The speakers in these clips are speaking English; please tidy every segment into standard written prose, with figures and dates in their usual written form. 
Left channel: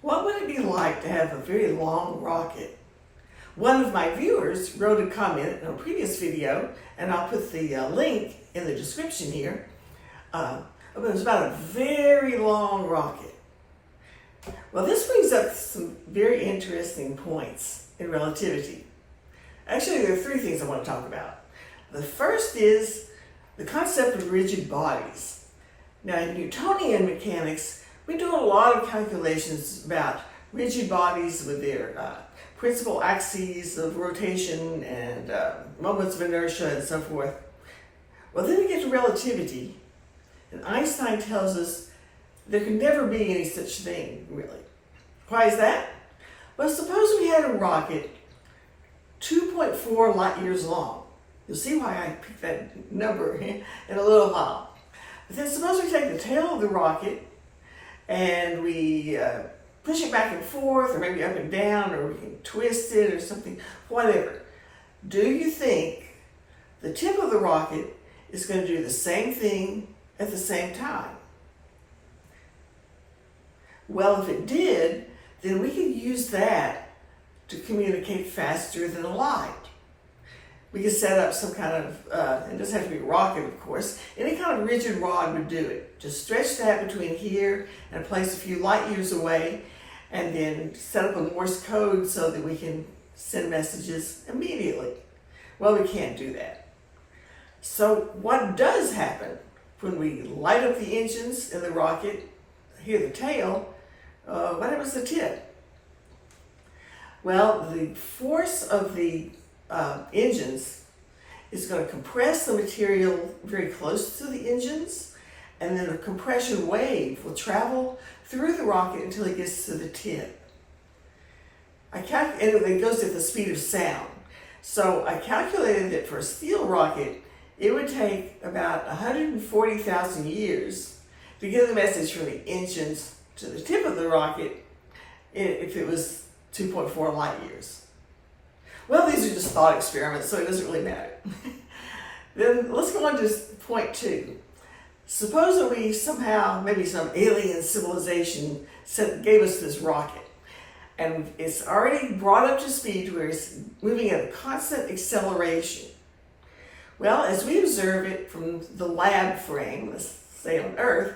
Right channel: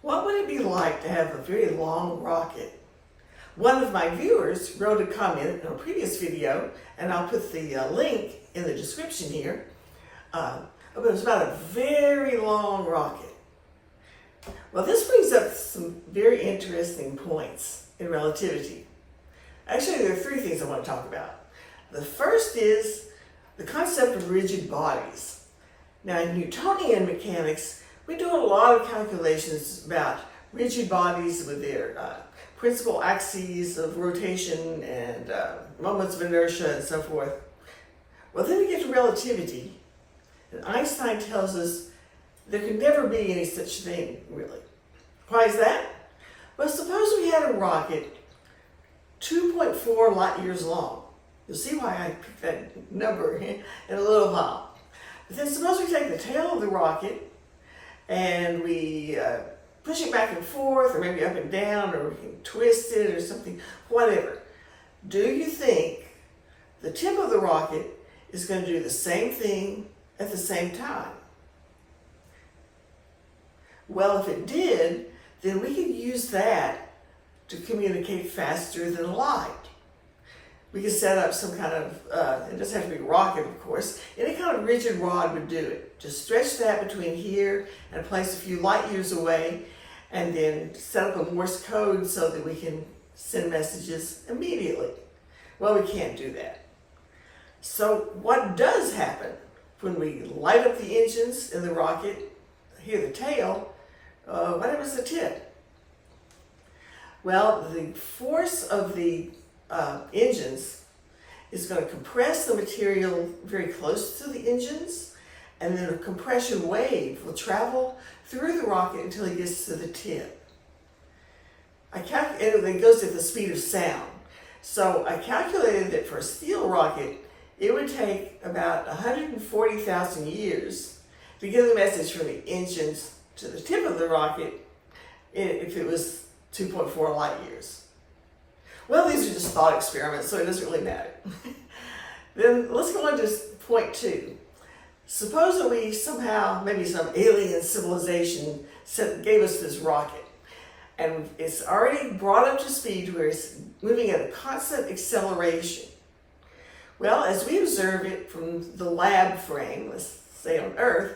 What would it be like to have a very long rocket? One of my viewers wrote a comment in a previous video, and I'll put the link in the description here. It was about a very long rocket. Well, this brings up some very interesting points in relativity. Actually, there are three things I want to talk about. The first is the concept of rigid bodies. Now, in Newtonian mechanics, we do a lot of calculations about rigid bodies with their principal axes of rotation and moments of inertia and so forth. Well, then we get to relativity, and Einstein tells us there can never be any such thing, really. Why is that? Well, suppose we had a rocket 2.4 light years long. You'll see why I picked that number in a little while. But then suppose we take the tail of the rocket and we push it back and forth, or maybe up and down, or we can twist it or something, whatever. Do you think the tip of the rocket is going to do the same thing at the same time? Well, if it did, then we could use that to communicate faster than light. We could set up some kind of, it doesn't have to be a rocket, of course, any kind of rigid rod would do it. Just stretch that between here and place a few light years away, and then set up a Morse code so that we can send messages immediately. Well, we can't do that. So what does happen when we light up the engines in the rocket, hear the tail, what happens to the tip? Well, the force of the engines is going to compress the material very close to the engines, and then a compression wave will travel through the rocket until it gets to the tip. And it goes at the speed of sound. So I calculated that for a steel rocket, it would take about 140,000 years to get the message from the engines to the tip of the rocket if it was 2.4 light years. Well, these are just thought experiments, so it doesn't really matter. Then let's go on to point 2. Suppose that we somehow, maybe some alien civilization gave us this rocket, and it's already brought up to speed where it's moving at a constant acceleration. Well, as we observe it from the lab frame, let's say on Earth,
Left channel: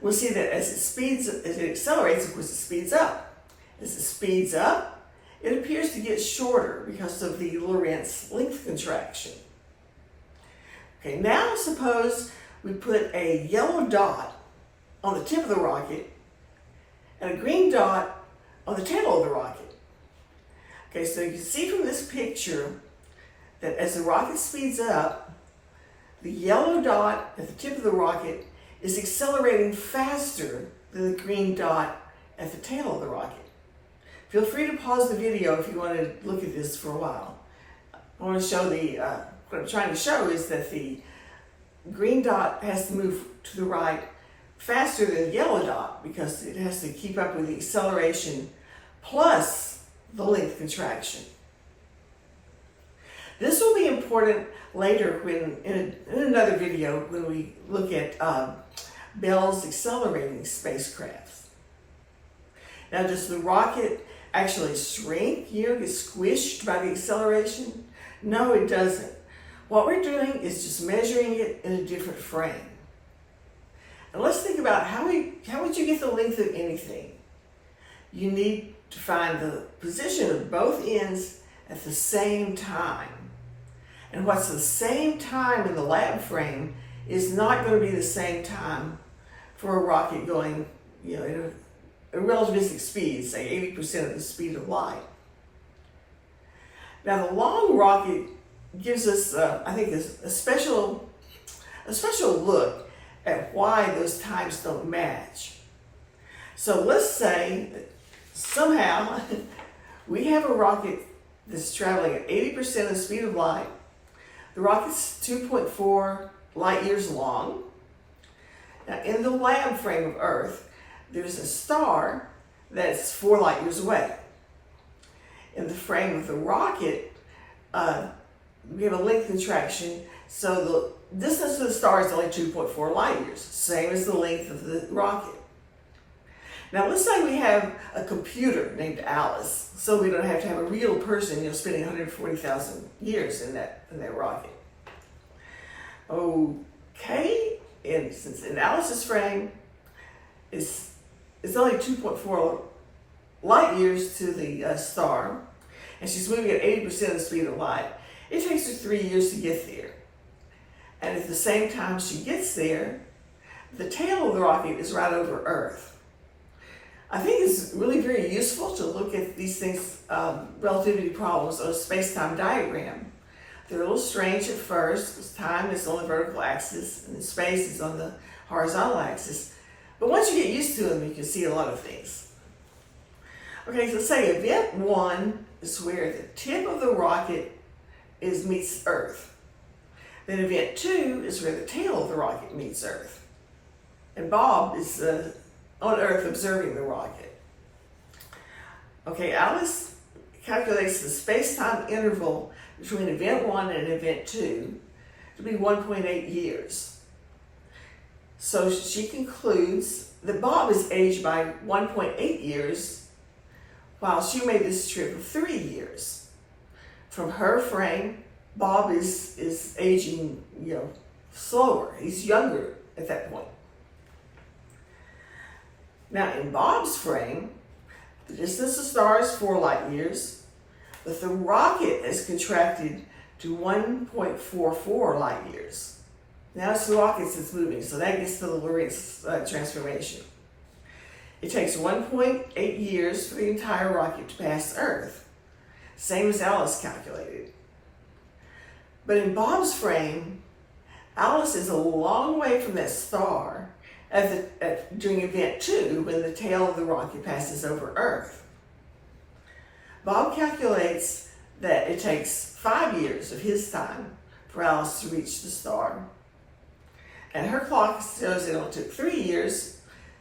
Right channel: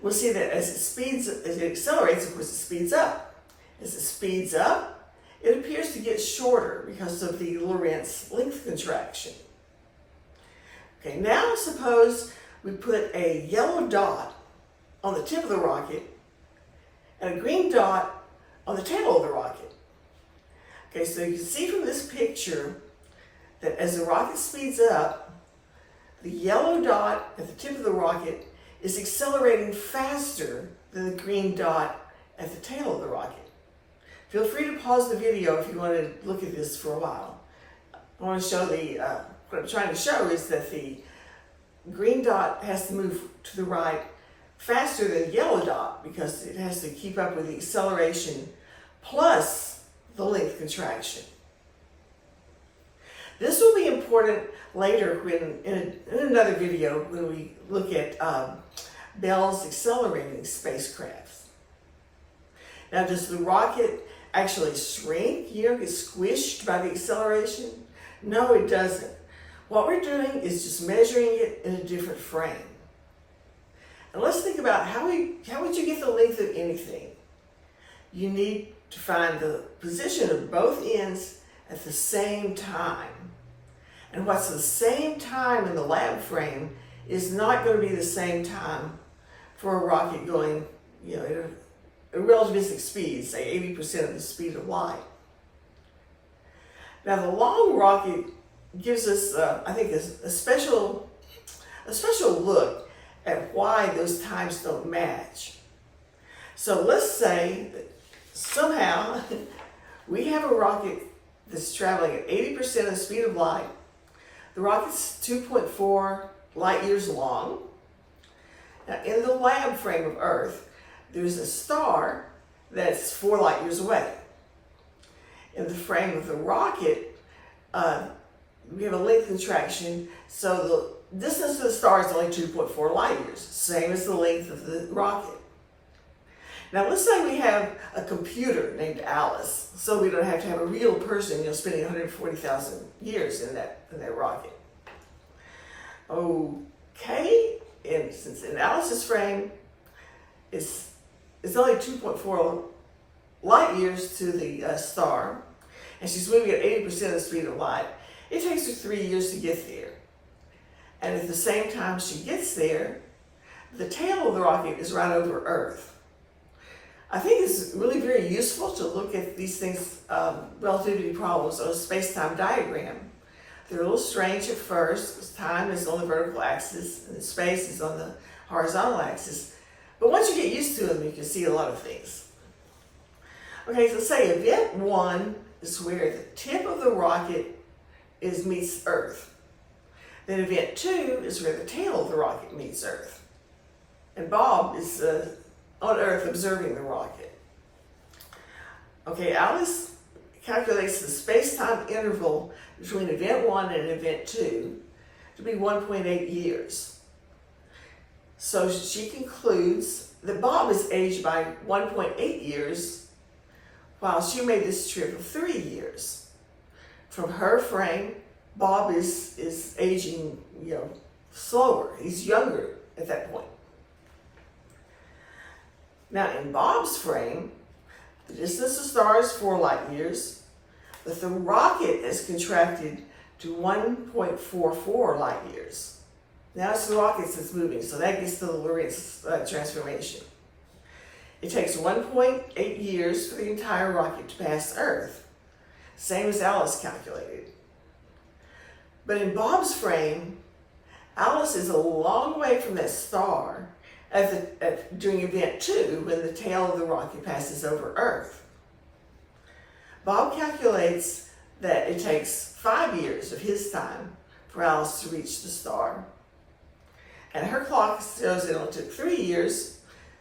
we'll see that as it accelerates, of course, it speeds up. As it speeds up, it appears to get shorter because of the Lorentz length contraction. Okay, now suppose we put a yellow dot on the tip of the rocket and a green dot on the tail of the rocket. Okay, so you can see from this picture that as the rocket speeds up, the yellow dot at the tip of the rocket is accelerating faster than the green dot at the tail of the rocket. Feel free to pause the video if you want to look at this for a while. I want to show what I'm trying to show is that the green dot has to move to the right faster than the yellow dot because it has to keep up with the acceleration plus the length contraction. This will be important later when, in another video, when we look at Bell's accelerating spacecrafts. Now, does the rocket actually shrink, get squished by the acceleration? No, it doesn't. What we're doing is just measuring it in a different frame. And let's think about how would you get the length of anything? You need to find the position of both ends at the same time. And what's the same time in the lab frame is not going to be the same time for a rocket going, at a relativistic speed, say 80% of the speed of light. Now, the long rocket gives us, I think, a special look at why those times don't match. So let's say that somehow we have a rocket that's traveling at 80% of the speed of light. The rocket's 2.4 light years long. Now, in the lab frame of Earth, there's a star that's 4 light years away. In the frame of the rocket, we have a length contraction, so the distance to the star is only 2.4 light years, same as the length of the rocket. Now let's say we have a computer named Alice, so we don't have to have a real person, spending 140,000 years in that rocket. Okay, and since in Alice's frame, it's only 2.4 light years to the star, and she's moving at 80% of the speed of light. It takes her 3 years to get there. And at the same time she gets there, the tail of the rocket is right over Earth. I think it's really very useful to look at these things, relativity problems, on a space-time diagram. They're a little strange at first, because time is on the vertical axis and space is on the horizontal axis. But once you get used to them, you can see a lot of things. Okay, so say event 1 is where the tip of the rocket meets Earth. Then event 2 is where the tail of the rocket meets Earth. And Bob is on Earth observing the rocket. Okay, Alice calculates the space-time interval between event 1 and event 2 to be 1.8 years. So she concludes that Bob is aged by 1.8 years, while she made this trip of 3 years. From her frame, Bob is aging, slower. He's younger at that point. Now, in Bob's frame, the distance to the star is 4 light years, but the rocket has contracted to 1.44 light years. Now it's the rocket that's moving, so that gets to the Lorentz transformation. It takes 1.8 years for the entire rocket to pass Earth, same as Alice calculated. But in Bob's frame, Alice is a long way from that star during event 2, when the tail of the rocket passes over Earth. Bob calculates that it takes 5 years of his time for Alice to reach the star. And her clock shows it only took 3 years,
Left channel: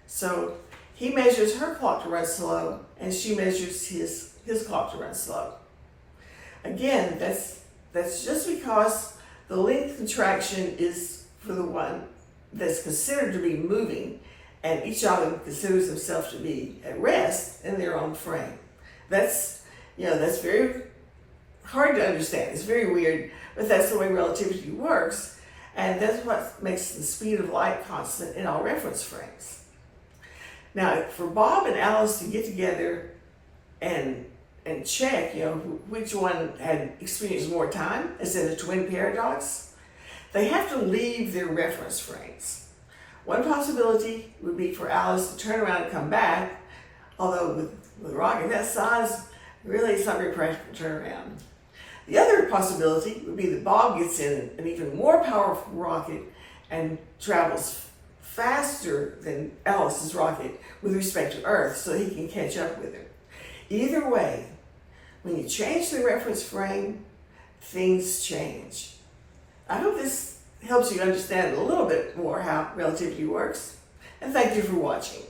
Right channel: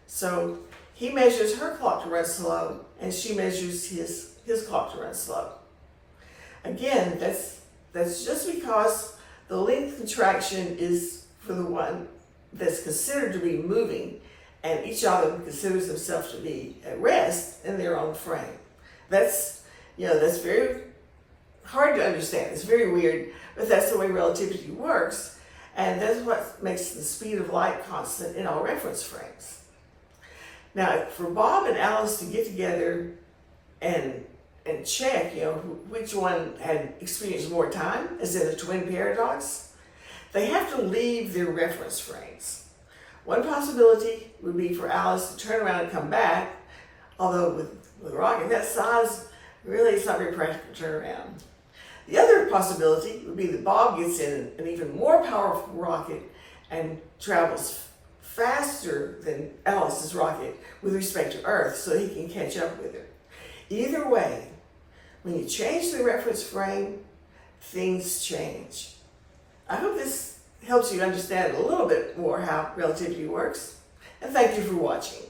so he measures her clock to run slow, and she measures his clock to run slow. Again, that's just because the length contraction is for the one that's considered to be moving, and each of them considers themselves to be at rest in their own frame. That's very hard to understand. It's very weird, but that's the way relativity works, and that's what makes the speed of light constant in all reference frames. Now, for Bob and Alice to get together and check, which one had experienced more time, as in the twin paradox, they have to leave their reference frames. One possibility would be for Alice to turn around and come back, although with a rocket that size, really it's not very practical to turn around. The other possibility would be that Bob gets in an even more powerful rocket and travels faster than Alice's rocket with respect to Earth, so he can catch up with her. Either way, when you change the reference frame, things change. I hope this helps you understand a little bit more how relativity works, and thank you for watching.